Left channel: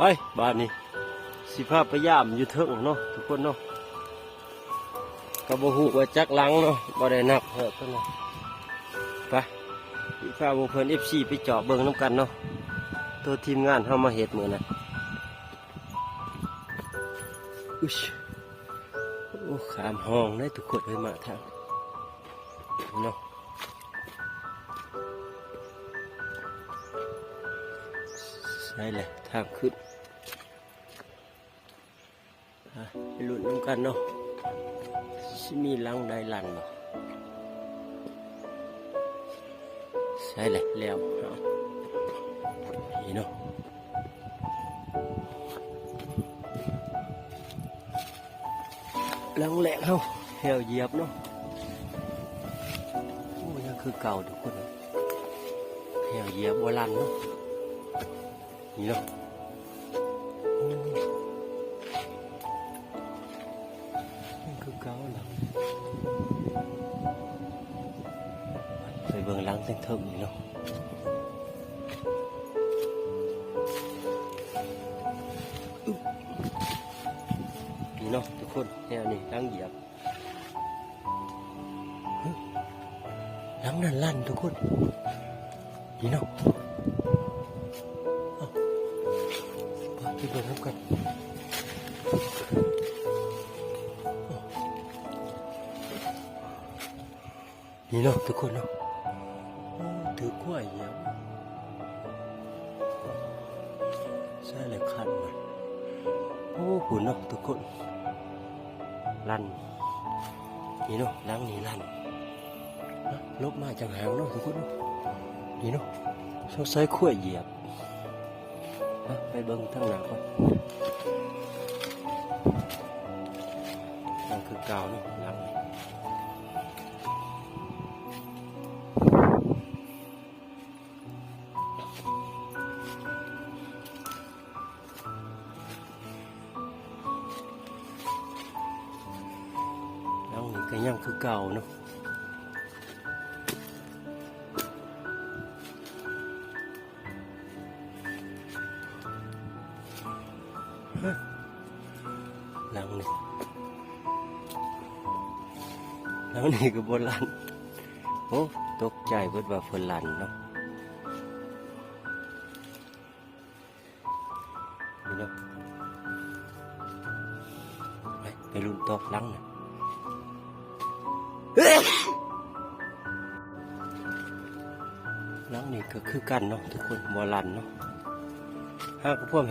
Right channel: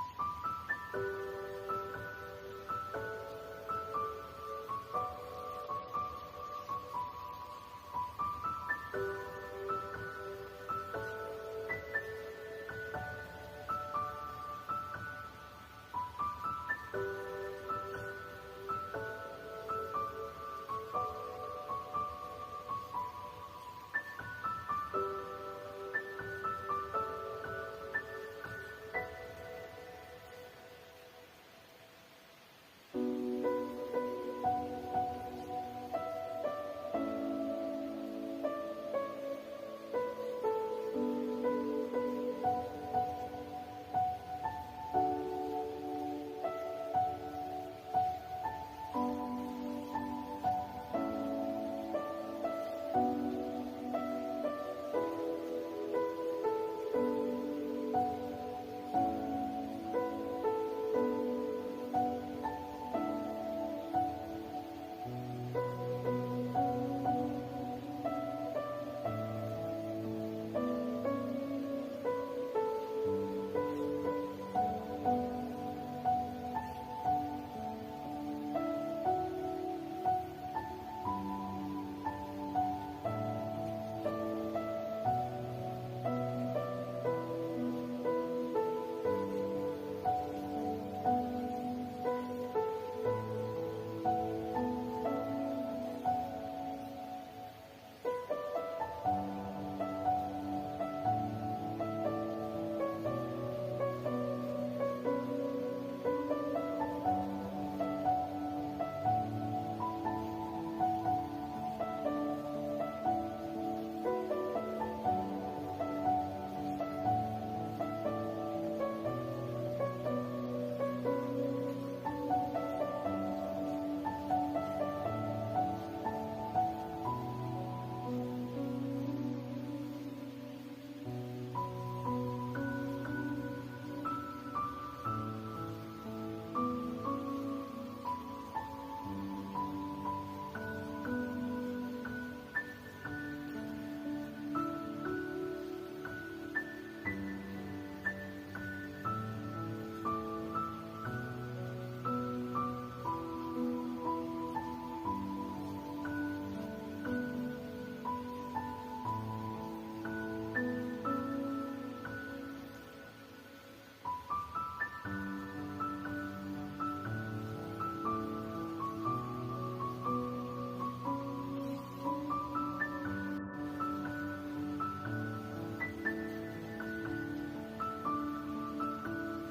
เฮ้ยบ้านนี้สิพาไปย่ามอยู่เถิงเนาะทุกคนเนาะกระบอกหูว่าจักลังเนาะบ่ได้นับเหอะเพิ่นเนาะไปสิพาหมู่เพิ่น FC ไปเจาะเบิ่งน้ำกันเนาะตัวทีมงานเฮามาเฮ็ดมื้อนั้นอุ๊ยโอ้ขามห้องได้ทุกคนเลยมาทางเนาะใช่แหละทางขึ้นไปลุ้นกันเนาะสิมีลังใดลันเนาะใช่แหละแล้วนี่เนาะลังแหลกเฮาแถวเหยียบเนาะโอ้ยังคือเก่าทุกคนแถวเหยียบบ่ลันเนาะนี่เนาะไปเบิ่งลังเถิงๆนี่เนาะนี่เนาะทุกคนแนวนี้ลังเหยียบลังนั่นลั่นทุกคนนี่เนาะไปเบิ่งน้ำกันนี่เนาะทุกคนเนาะถือกล้วยเหยียบใช่เลยคันโอ้โหเนาะทุกคนลั่นนี่เนาะลังนี่ลั่นลบมาจังหางเนาะทุกคนนี่เนาะสงสัยกล้วยเหยียบไปเบิ่งทางหลังนั่นคือเก่าเนาะหลังก็ยังคือเก่าเนาะหลังนี่ก็บนลันโอ้ตกใจเบิดว่าเพิ่นลันเนาะนี่เนาะไปลุ้นตกหลังนะหลังนี่ก็คือกันเนาะทุกคนบ่ลันเนาะหากพวกเห็น